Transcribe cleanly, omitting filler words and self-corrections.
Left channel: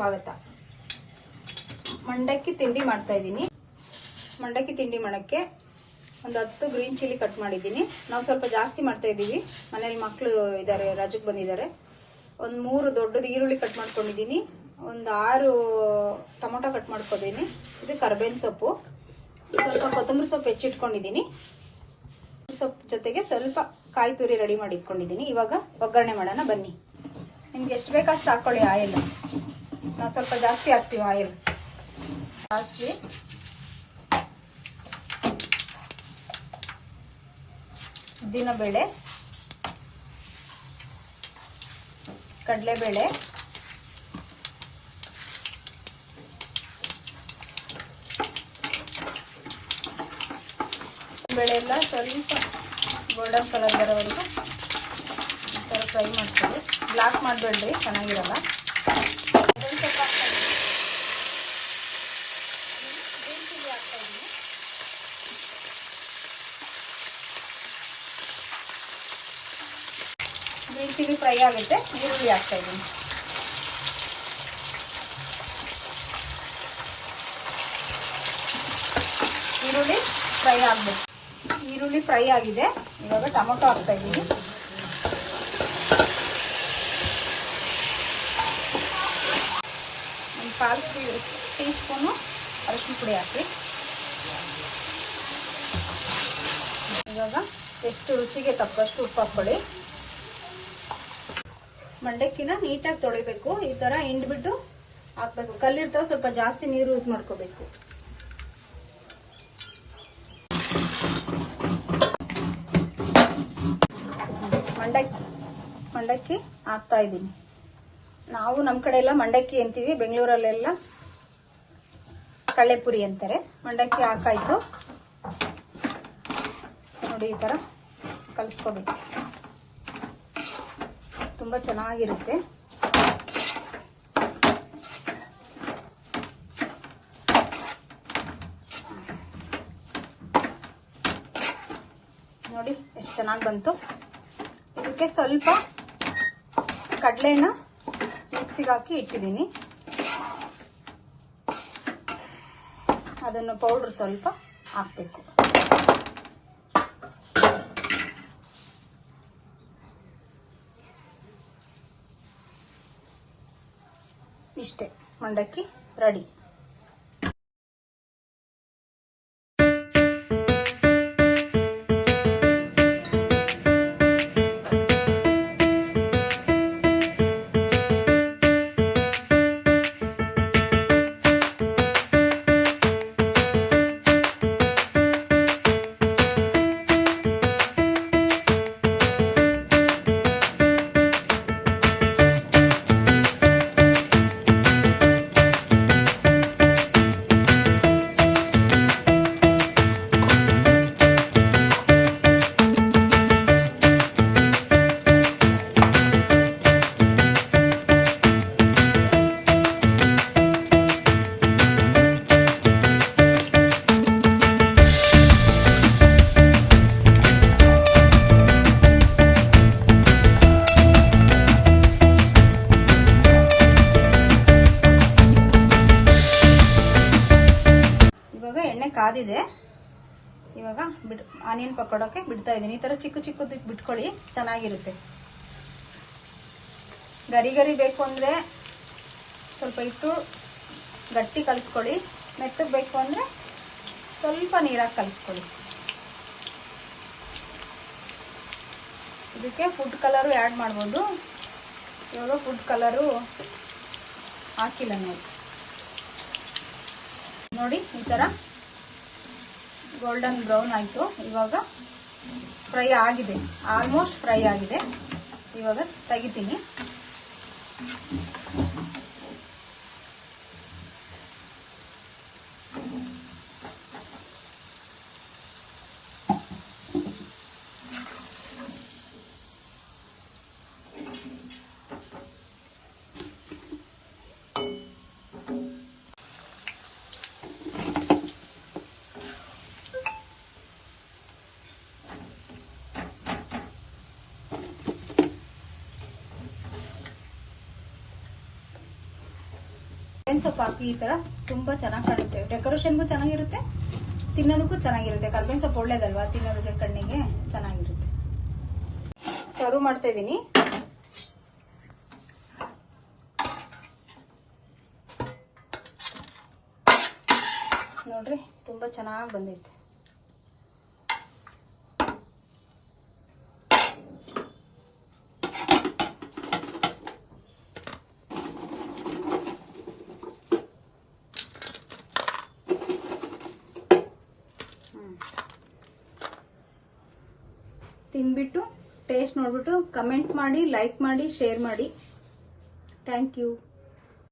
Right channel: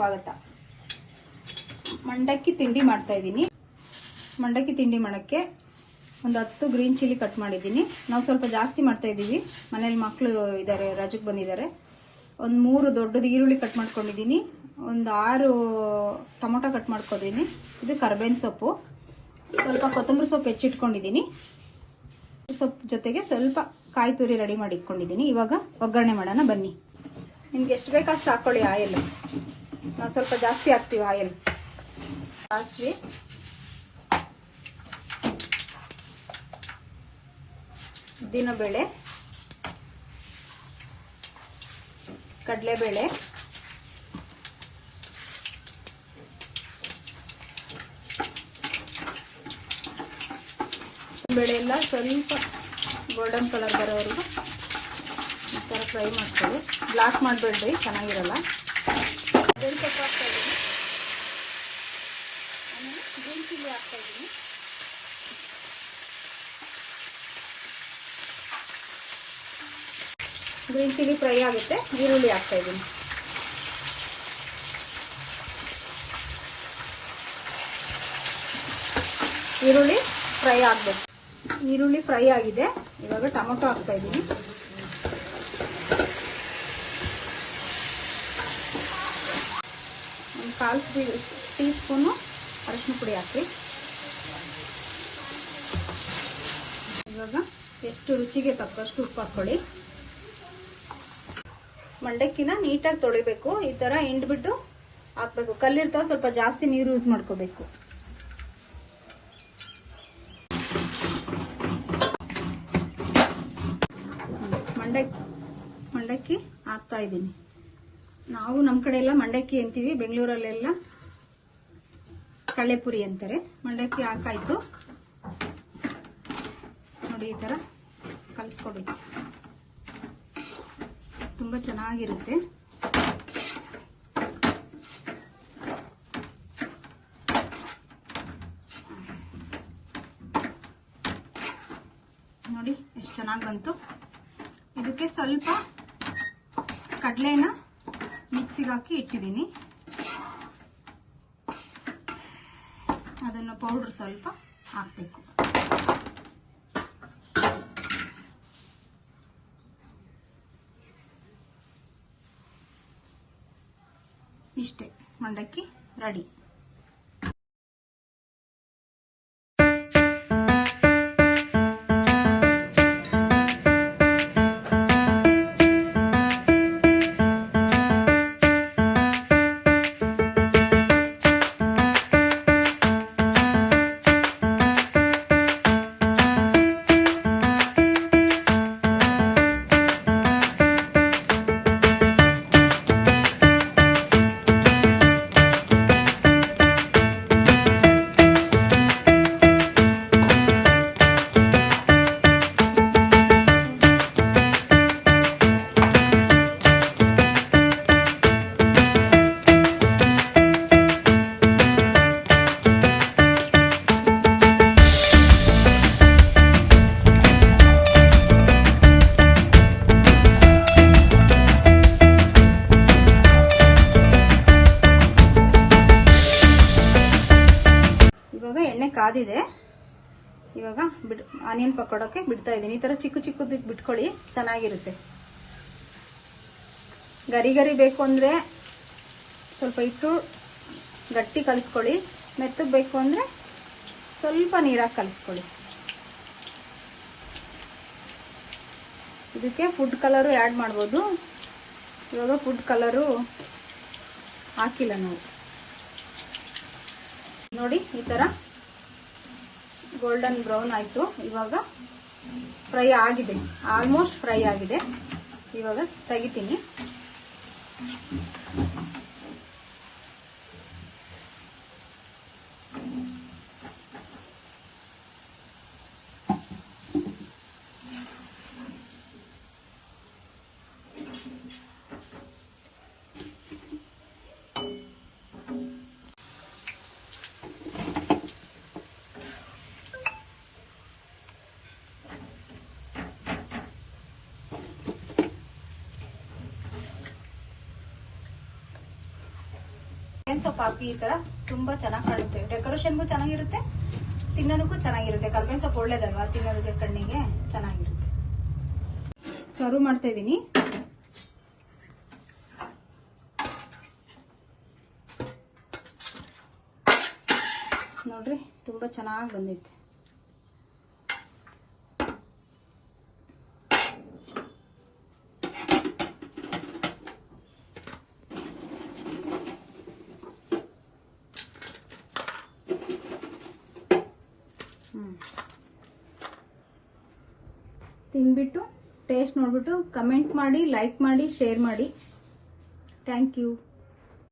ಸ್ವಾಗತ. ಮಂಡಕ್ಕಿ ತಿಂಡಿ ಮಾಡ್ತಾ ಇದ್ದೀನಿ. ಮಂಡಕ್ಕಿ ತಿಂಡಿ ಮಾಡಕ್ಕೆ ಒಂದು 10 ಗ್ರೀನ್ ಚಿಲ್ಲಿ ಕಟ್ ಮಾಡಿದ್ದೀನಿ. ನಾವು ಸ್ವಲ್ಪ ಜಾಸ್ತಿ ಮಾಡ್ತಾ ಇದ್ದೀವಿ, ಮನೇಲಿ ಮಕ್ಕಳು ಇದ್ದಾರೆ, ರಜಕ್ಕೆ ಬಂದಿದ್ದಾರೆ. ಒಂದು 3 ದೊಡ್ಡದು ಈರುಳ್ಳಿ ಕಟ್ ಮಾಡ್ಕೊಂಡಿದ್ದೀನಿ. ಒಂದು 6 ಟೊಮೊಟೊ ಕಟ್ ಮಾಡ್ಕೊಂಡಿದ್ದೀನಿ. ಇದು ಕರ್ಬೇವಿನ ಸೊಪ್ಪು, ಸ್ವಲ್ಪ ಕೊತ್ತಂಬರಿ ಸೊಪ್ಪು ಹೆಚ್ಚಿಟ್ಕೊಂಡಿದ್ದೀನಿ. ಸೊಪ್ಪು ಜೊತೆಗೆ ಸ್ವಲ್ಪ ಕಾಯಿ ತುರಿ ರೆಡಿ ಮಾಡಿ ಇಟ್ಕೊಂಡಿದ್ದೀನಿ. ಇವಾಗ ಒಗ್ಗರಣೆ ಮಾಡೋಣ ಬನ್ನಿ. ನಿಮ್ಗೆ ಎಷ್ಟು ಬೇಕಷ್ಟು ಹಾಕೊಳ್ಳಿ ಆಯಿಲ್. ನಾವು ಸ್ವಲ್ಪ ಜಾಸ್ತಿ ಹಾಕ್ತೀವಿ ಆಯಿಲ್. ಸಾಸಿವೆ, ಉದ್ದಿನಬೇಳೆ, ಕಡಲೆಬೇಳೆ, ಬೇಳೆ ಎಲ್ಲ ಸ್ವಲ್ಪ ಗೋಲ್ಡನ್ ಕಲರ್ ಬರೋವರೆಗೂ ಫ್ರೈ ಮಾಡ್ಕೊಳ್ಳಿ. ಬ್ಲಾಕ್ ಮಾಡಬೇಡ್ರಿ, ಚೆನ್ನಾಗಿರಲ್ಲ. ಗ್ರೀನ್ ಚಿಲ್ಲಿ ಹಾಕ್ತಾ ಇದ್ದೀನಿ. ಗ್ರೀನ್ ಚಿಲ್ಲಿ ಫ್ರೈ ಆಗುತ್ತೆ. ಈರುಳ್ಳಿ ಹಾಕ್ತಾ ಇದ್ದೀನಿ. ಈರುಳ್ಳಿ ಫ್ರೈ ಆಗಬೇಕು. ಈರುಳ್ಳಿ ಫ್ರೈ ಆಗಿದೆ. ಇವಾಗ ಟೊಮೊಟೊ ಹಾಕ್ತಾ ಇದ್ದೀನಿ. ಒಂದು 1/4 ಟೀ ಸ್ಪೂನು ಅರಿಶಿನ ಪುಡಿ ಹಾಕಿ. ಇವಾಗ ಎಷ್ಟು ರುಚಿಗೆ ತಕ್ಕಷ್ಟು ಉಪ್ಪು ಹಾಕೊಳ್ಳಿ. ಮಂಡಕ್ಕಿನ ನೀಟಾಗಿ ತೊಳಿಬೇಕು. ಈ ತರ ಹಿಂಡ್ಬಿಟ್ಟು ಹಾಕ್ಬೇಕು. ಕಲ್ಲಿರ್ತಾವ, ಸ್ವಲ್ಪ ಜಾಸ್ತಿ ನೀರು ಯೂಸ್ ಮಾಡ್ಕೋಬೇಕು. ಮಂಡಕ್ಕಿ ಹಾಕ್ತಾ ಇದ್ದೀನಿ. ನಾವು ನಮ್ಮ ಕಡೆ ಎಲ್ಲ ಮಂಡಕ್ಕಿ ಅಂತೀವಿ, ಬೆಂಗಳೂರಲ್ಲೆಲ್ಲ ಕಳ್ಳೆಪುರಿ ಅಂತಾರೆ. ಮಂಡಕ್ಕಿ ಹಾಕಾಯ್ತು ನೋಡಿ. ಈ ತರ ಕಲಿಸ್ಕೋಬೇಕು, ತುಂಬಾ ಚೆನ್ನಾಗಿರುತ್ತೆ. ನೋಡಿ ಎಷ್ಟು ಚೆನ್ನಾಗಿ ಬಂತು. ಇದಕ್ಕೆ ಸ್ವಲ್ಪ ಕಡಲೆನ ಮಿಕ್ಸಿಗೆ ಹಾಕಿ ಇಟ್ಟಿದ್ದೀನಿ. ಅದನ್ನು ಪೌಡರ್ ಸ್ವಲ್ಪ ಹಾಕಬೇಕು. ಇಷ್ಟೇ, ಮಂಡಕ್ಕಿ ರೆಡಿ. ಎಣ್ಣೆ ಕಾದಿದೆ. ಇವಾಗ ಆನಿಯನ್ ಪಕೋಡಕ್ಕೆ ಬಿಡ್ತಾ ಇದ್ದೀನಿ. ಈ ತರ ಚಿಕ್ಕ ಚಿಕ್ಕದು ಬಿಟ್ಕೊಳ್ಳಿ, ಚೆನ್ನಾಗಿರುತ್ತೆ. ಗರಿ ಗರಿ ಬೇಕು ಅಂದ್ರೆ ಸ್ವಲ್ಪ ಇಟ್ಟು ಗಟ್ಟಿ ಕಲಿಸ್ಕೊಳ್ಳಿ. ಮೆತ್ತಗೆ ಬೇಕು ಅಂದ್ರೆ ಸ್ವಲ್ಪ ನೀರಾಗಿ ಕಲಿಸ್ಕೊಳ್ಳಿ. ಇದಕ್ಕೆ ಫುಡ್ ಕಲರು ಆ್ಯಡ್ ಮಾಡ್ಬೋದು. ಇವಾಗ ಫುಡ್ ಕಲರು ಹಾಕಿಲ್ಲ ನೋಡಿ. ಈ ತರ ಗೋಲ್ಡನ್ ಬ್ರೌನ್ ಆಯ್ತು. ಇವಾಗ ಫ್ರೈ ಆಗಿದೆ, ಆಲ್ಮೋಸ್ಟ್ ಫ್ರೈ ಆಗಿದೆ. ಇವಾಗ ತೆಗಿತೀನಿ. ಸೊಪ್ಪು ಹಾಕಿ ಈ ತರ ತುಂಬಾ ಚೆನ್ನಾಗಿ ಕಾಣುತ್ತೆ. ಡೆಕೋರೇಷನ್ಗೂ ಚೆನ್ನಾಗಿರುತ್ತೆ, ತಿನ್ನೋದಕ್ಕೂ ಚೆನ್ನಾಗಿರುತ್ತೆ. ಕರ್ಬೇವಿನ ಸೊಪ್ಪು ಒಳ್ಳೇದಲ್ವಾ, ತಿನ್ನೋದಕ್ಕೆ ಕಣ್ಣಿಗೆ ಚೆನ್ನಾಗಿರುತ್ತೆ. ಸರ್ವ್ ಮಾಡ್ತಾ ಇದ್ದೀನಿ. ನೋಡ್ರಿ ತುಂಬಾ ಚೆನ್ನಾಗಿ ಬಂದಿದೆ. ತಿಂದ್ಬಿಟ್ಟು ಟೇಸ್ಟ್ ನೋಡ್ಬಿಟ್ಟು ಕಮೆಂಟ್ ಮಾಡಿ, ಲೈಕ್ ಮಾಡಿ, ಶೇರ್ ಮಾಡಿ. Thank you.